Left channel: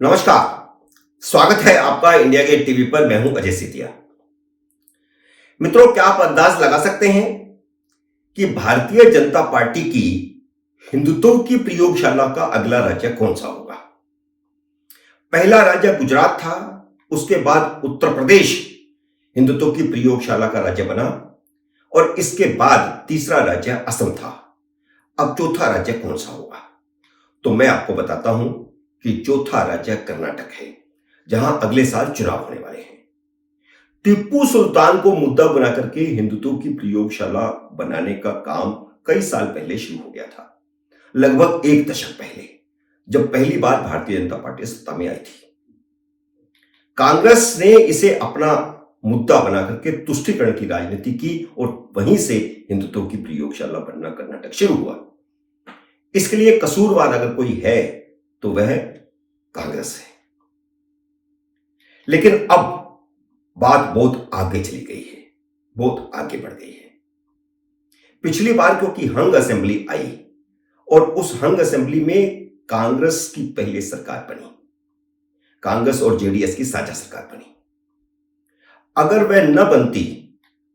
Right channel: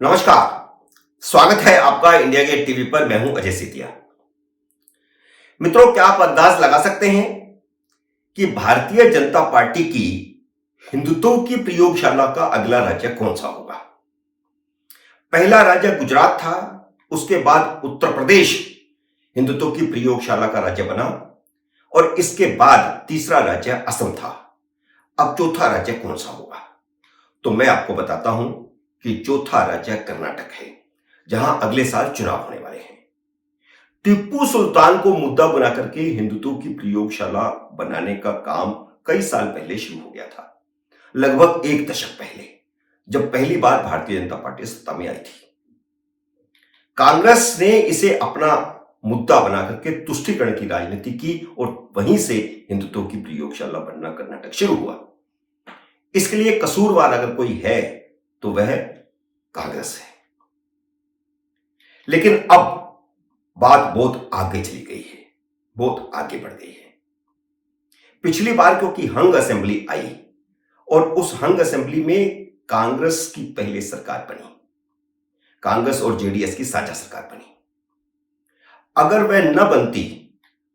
नमस्कार। स्वागत है आपका इंडिया गेट टीवी पर। मैं हूं अजय सितिया। मित्रों, क्या आप अंदाज लगा सकते हैं कि भारतीय जनता पार्टी की हिंदुत्व की प्रयोगशाला का अगला राज्य कौन सा होगा? पहला राज्य गुजरात था, उसके बाद उत्तर प्रदेश हिंदुत्व की प्रयोगशाला का राज्य बना और इसके बाद तीसरा राज्य असम था। अब चौथा राज्य कौन सा होगा? तो मैं आपको बताता हूं कि चौथा राज्य कर्नाटक है, जहां अगले साल चुनाव होने वाले हैं। टीपू सुल्तान को मुद्दा बनाकर के हिंदुत्व की प्रयोगशाला बनाने का काम कई साल पहले शुरू हो गया था, लगभग एक दशक पहले, जब पहली बार भारतीय जनता पार्टी सत्ता में आई थी। कांग्रेस ने इसे अपना मुद्दा बनाकर के तुष्टीकरण की राजनीति की और वहीं से हिंदुत्व की प्रयोगशाला बनना कर्नाटक शुरू हुआ। इसके लिए कसूरवार अगर कोई है तो वह कांग्रेस है। लेकिन अब बात बहुत आगे चली गई है, बहुत आगे बढ़ गई है। पिछली बार क्योंकि हंग असेंबली आई और उस हंग असेंबली में कांग्रेस की पहले सरकार बनी, कांग्रेस और जेडीएस की साझा सरकार बनी। अगर वह न बनती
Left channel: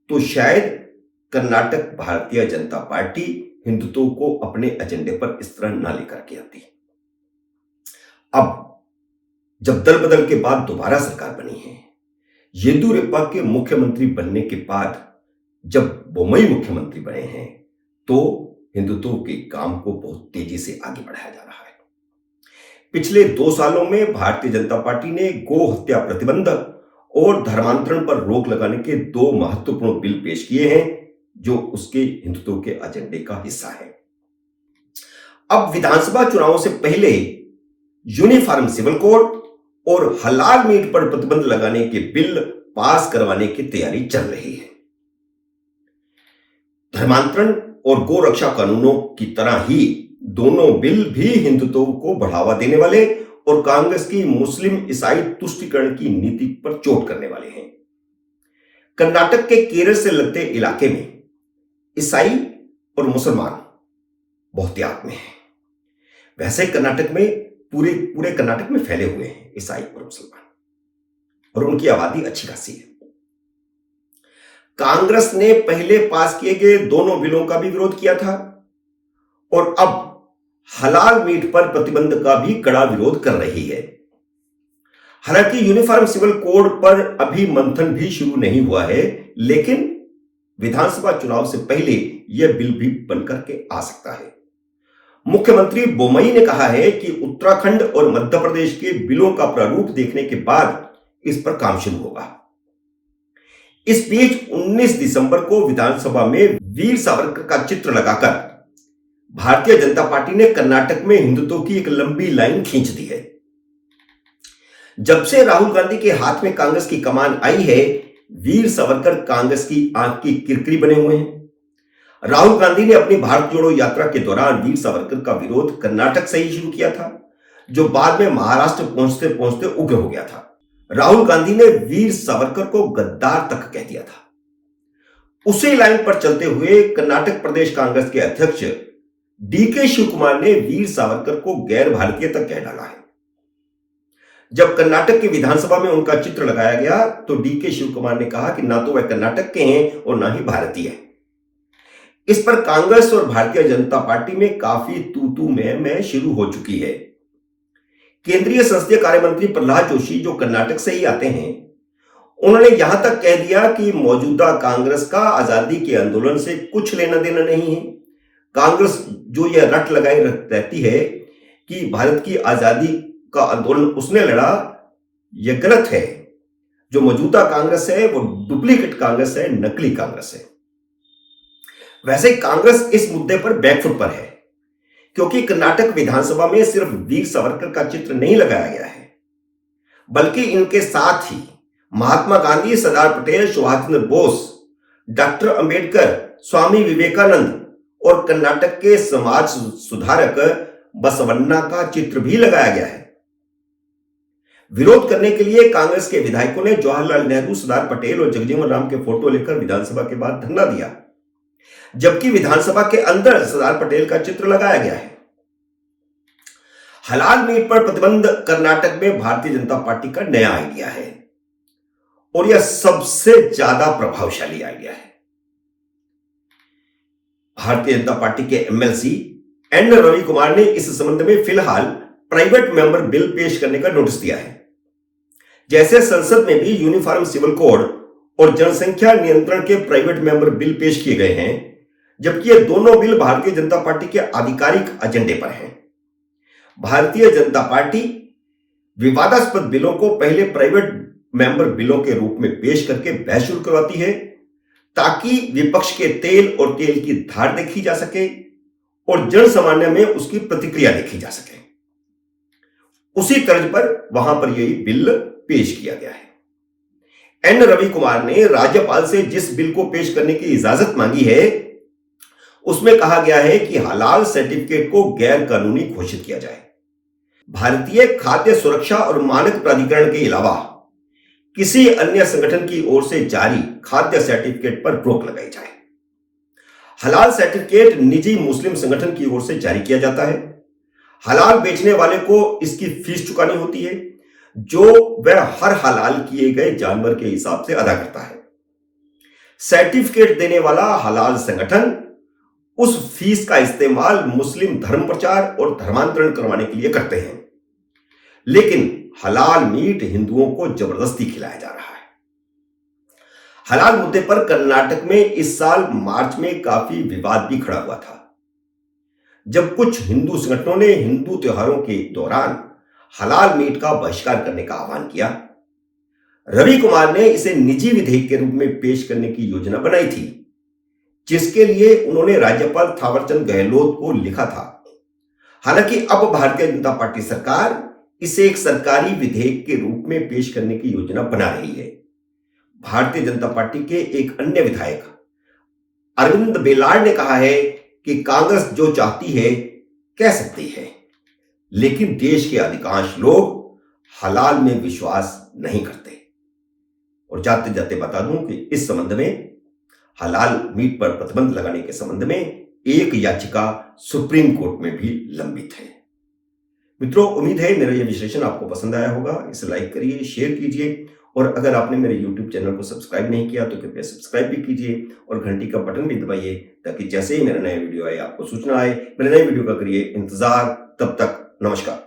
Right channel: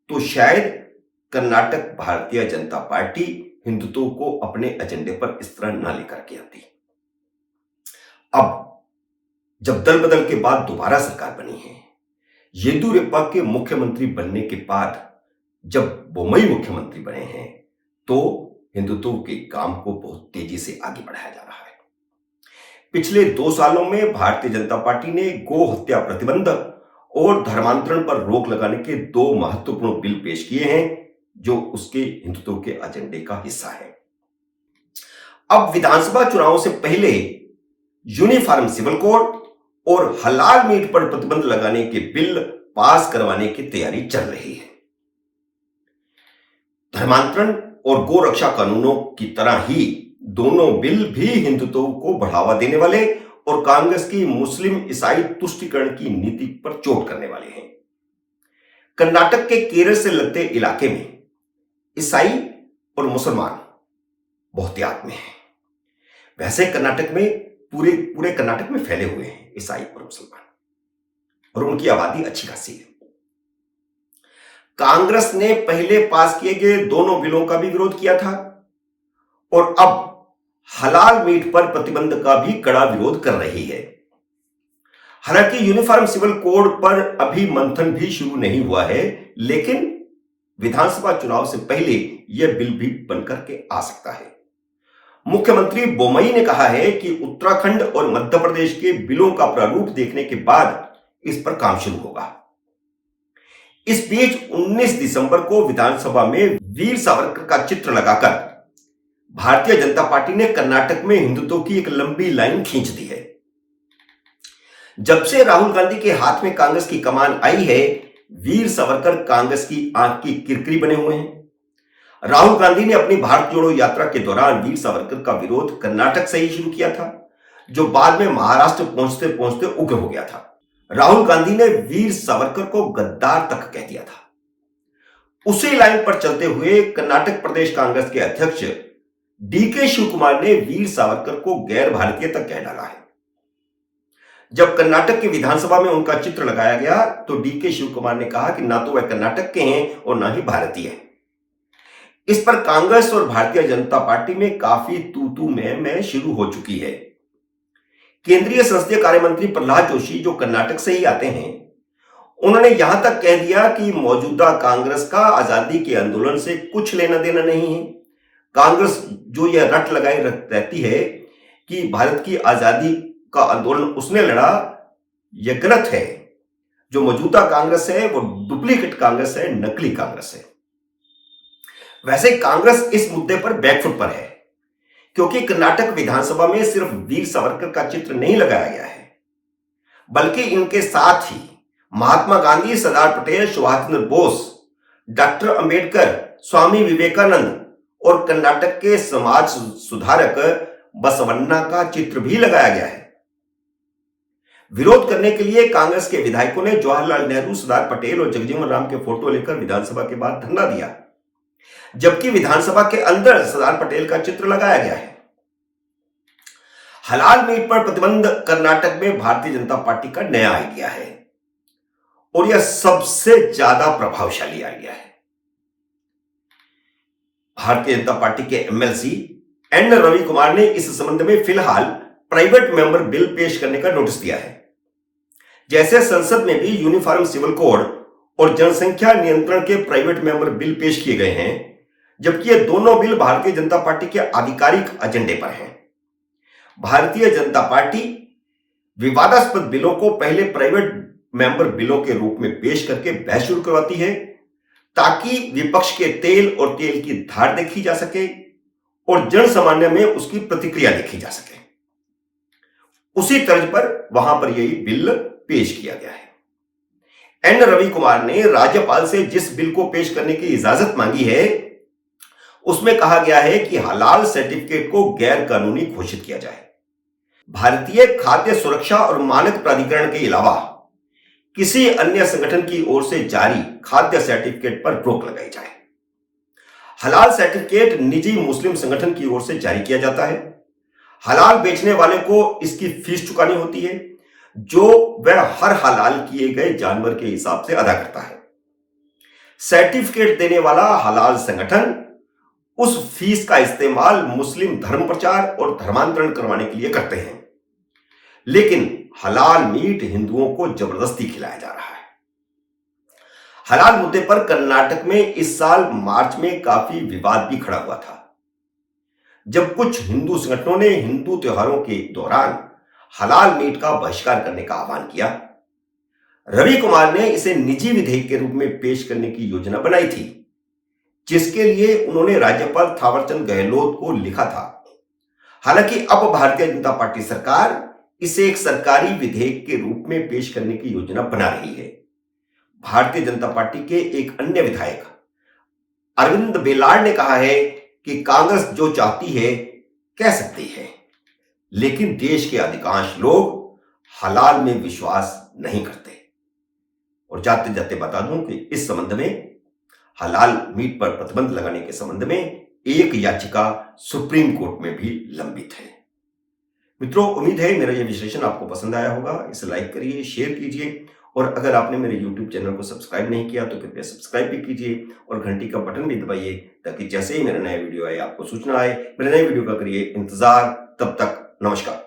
तो शायद कर्नाटक भारतीय जनता पार्टी हिंदुत्व को अपने एजेंडे पर इस तरह न लेकर के आती। अब जब दल बदल के बाद दोबारा सरकार बनी है, येदियुरप्पा के मुख्यमंत्री बनने के बाद जब बोम्मई मुख्यमंत्री बने हैं, तो हिंदुत्व के काम को बहुत तेजी से आगे बढ़ाया जा रहा है। पिछले 2 सालों में भारतीय जनता पार्टी ने गो हत्या प्रतिबंध और धर्मांतरण पर रोक लगाने के 2 महत्वपूर्ण बिल पेश किए हैं, जो उसके हिंदुत्व के एजेंडे का हिस्सा है। अब विधानसभा चुनावों से पहले यूनिफॉर्म सिविल कोड और हलाल मीट पर प्रतिबंध लगाने के बिल पास करवाने की तैयारी चल रही है। धर्मांतरण और गो रक्षा कानूनों की तरह ही दोनों बिल भी हिंदुत्व को बढ़ावा देने वाले और कांग्रेस की मुस्लिम ईसाई तुष्टीकरण की नीति पर चोट करने वाले हैं। कर्नाटक के केरल से लगते इलाके में ईसाई और मुसलमान बहुतायत में हैं। वैसे कर्नाटक में पूरे कर्नाटक में फैले हुए हैं ईसाई और मुसलमान, और उनकी आबादी अच्छी खासी है। कांग्रेस ने पहले पास किए गए दोनों बिलों का भी विरोध किया था और अब हलाल मीट पर प्रतिबंध का भी कड़ा विरोध कर रही है। हालांकि यूनिफॉर्म सिविल कोड पर अभी मंथन भी शुरू नहीं हुआ है, लेकिन विधानसभा चुनाव से पहले यह बिल भी बनकर के आ सकता है। मुख्यमंत्री बोम्मई ने कहा है कि उत्तराखंड और मध्य प्रदेश के बिलों का प्रारूप देखने के बाद इस पर काम शुरू होगा। इस बीच 19 दिसंबर को विधानसभा में वीर सावरकर का चित्र लगाकर भारतीय जनता पार्टी ने कर्नाटक में हिंदुत्व की एक लंबी लाइन खींच दी है। जब से राहुल गांधी के हाथ में कांग्रेस की कमान आई है, वीर सावरकर कांग्रेस की आंख की किरकिरी बने हुए हैं। राहुल गांधी ने अपनी भारत जोड़ो यात्रा के दौरान वीर सावरकर का विरोध कर्नाटक से ही शुरू किया था, जो बाद में महाराष्ट्र पहुंचते पहुंचते उग्र हो गया था। राहुल गांधी ने वीर सावरकर को गद्दार तक कह दिया था। उसी लाइन पर चलते हुए कर्नाटक प्रदेश कांग्रेस के अध्यक्ष डीके शिव कुमार ने वीर सावरकर को गैर भारतीय तक कह डाला है। जब कर्नाटक की विधानसभा में उनका चित्र लगाया गया तो डीके शिव कुमार ने कहा कि ना तो वह कर्नाटक के हैं और ना ही भारतीय हैं। इस पर कांग्रेस और भारतीय जनता पार्टी में काफी तू मैं शुरू हो चुकी है। केंद्रीय संसदीय कार्य मंत्री प्रहलाद जोशी, जो कर्नाटक से ही आते हैं, उन्होंने यहां तक कह दिया कि मौजूदा कांग्रेस का आजादी के आंदोलन से कुछ लेना देना नहीं है। कांग्रेस जो यह रट लगाई रहती है कि भारत की आजादी का आंदोलन उसने लड़ा, यह गलत है। जो मौजूदा कांग्रेस है वो डुप्लीकेट कांग्रेस है, नकली कांग्रेस है। वैसे कांग्रेस इस मुद्दे पर बैकफुट पर है, क्योंकि कर्नाटक विधानसभा में सिर्फ वीर सावरकर का चित्र नहीं लगाया गया है, बल्कि इनके साथ ही महात्मा गांधी, सरदार पटेल, सुभाष चंद्र बोस, डॉक्टर अंबेडकर, स्वामी विवेकानंद और कर्नाटक के समाज सुधारक बसवन्ना का चित्र भी लगाया गया है। विरोध करने के लिए कांग्रेस के विधायकों ने जवाहरलाल नेहरू, सरदार पटेल और जगजीवन राम के फोटो लेकर विधानसभा के बाहर धरना दिया, जबकि विधानसभा के अंदर सरदार पटेल का चित्र लगाया गया है। हलाल मीट पर प्रतिबंध कर्नाटक में भारतीय जनता पार्टी का नया आइडिया है और यह सबसे ज्यादा प्रभावशाली आइडिया है। भारतीय जनता पार्टी के एमएलसी एन रवि कुमार ने इस संबंध में फिलहाल प्राइवेट मेंबर बिल पेश करने का नोटिस दिया है। जैसे संसद में भी यूनिफॉर्म सिविल कोड और जनसंख्या नियंत्रण के प्राइवेट मेंबर बिल पेश किए गए हैं, जबकि ये दोनों बिल भारतीय जनता पार्टी के आधिकारिक एजेंडे पर हैं। भारतीय जनता पार्टी विवादास्पद बिलों को पहले प्राइवेट मेंबर बिलों के रूप में पेश करके बहस शुरू करवाती है, ताकि विपक्ष के तेल और तेल की धार देखी जा सके और जन सामान्य में उसकी प्रतिक्रिया देखी जा सके। उसी तर्ज पर वहां पर यही बिल पेश किया गया है। एन रवि कुमार ने राज्यपाल से जिस बिल को पेश करने की इजाजत मांगी है, उसमें कहा गया है कि हलाल सर्टिफिकेट को गैर कानूनी घोषित किया जाए। भारतीय खाद्य सुरक्षा और मानक प्राधिकरण के अलावा किसी अन्य संगठन की ओर से जारी खाद्य सर्टिफिकेट पर रोक लगाई जाए। हलाल सर्टिफिकेट निजी मुस्लिम संगठन की ओर से जारी किया जाता है। हलाल बेचने वाले को इसकी फीस चुकानी होती है, जो वह हर हलाल किए गए जानवर के हिसाब से अदा करता है। सर्टिफिकेट देने वाला हलाल संगठन उस फीस का इस्तेमाल मुस्लिम धर्म प्रचार और धर्मांतरण करवाने के लिए करते हैं, लेकिन हलाल मीट हिंदुओं को जबरदस्ती खिलाया जा रहा है। हलाल मुद्दे पर कर्नाटक में इस साल मार्च में काफी विवाद भी खड़ा हुआ था, जब कुछ हिंदू संगठनों ने हिंदू त्योहारों के दौरान हलाल मीट का बहिष्कार करने का आह्वान किया। रवि कुमार ने इसे निजी विधेयक के रूप में पेश करने की योजना बनाई थी, जिसके लिए उन्होंने राज्यपाल थावरचंद गहलोत को लिखा था। हालांकि अब भारतीय जनता पार्टी सरकार इसे एक सरकारी विधेयक के रूप में पेश करने की योजना बना रही है। भारतीय जनता पार्टी के एक अन्य विधायक अरविंद बेलाड ने कहा है कि कांग्रेस जो चाहती है कह सकती है, लेकिन देश के अधिकांश लोग हलाल में विश्वास नहीं करते। और जाते जाते बता दूं कि इस संबंध में हलाल मीट पर प्रतिबंध लगाने के संबंध में एक याचिका सुप्रीम कोर्ट में भी लंबित है। मित्रों, उम्मीद है मेरा यह विश्लेषण आपको पसंद आया होगा। इसे लाइक करिए, शेयर कीजिए और अगर आपने मेरे YouTube चैनल को सब्सक्राइब नहीं किया तो कृपया सब्सक्राइब भी कीजिए और घंटी का बटन भी दबाइए, ताकि जैसे ही मेरा नया वीडियो आए आपको सूचना आए। मेरे नए वीडियो का करिए इंतजार। तब तक नमस्कार।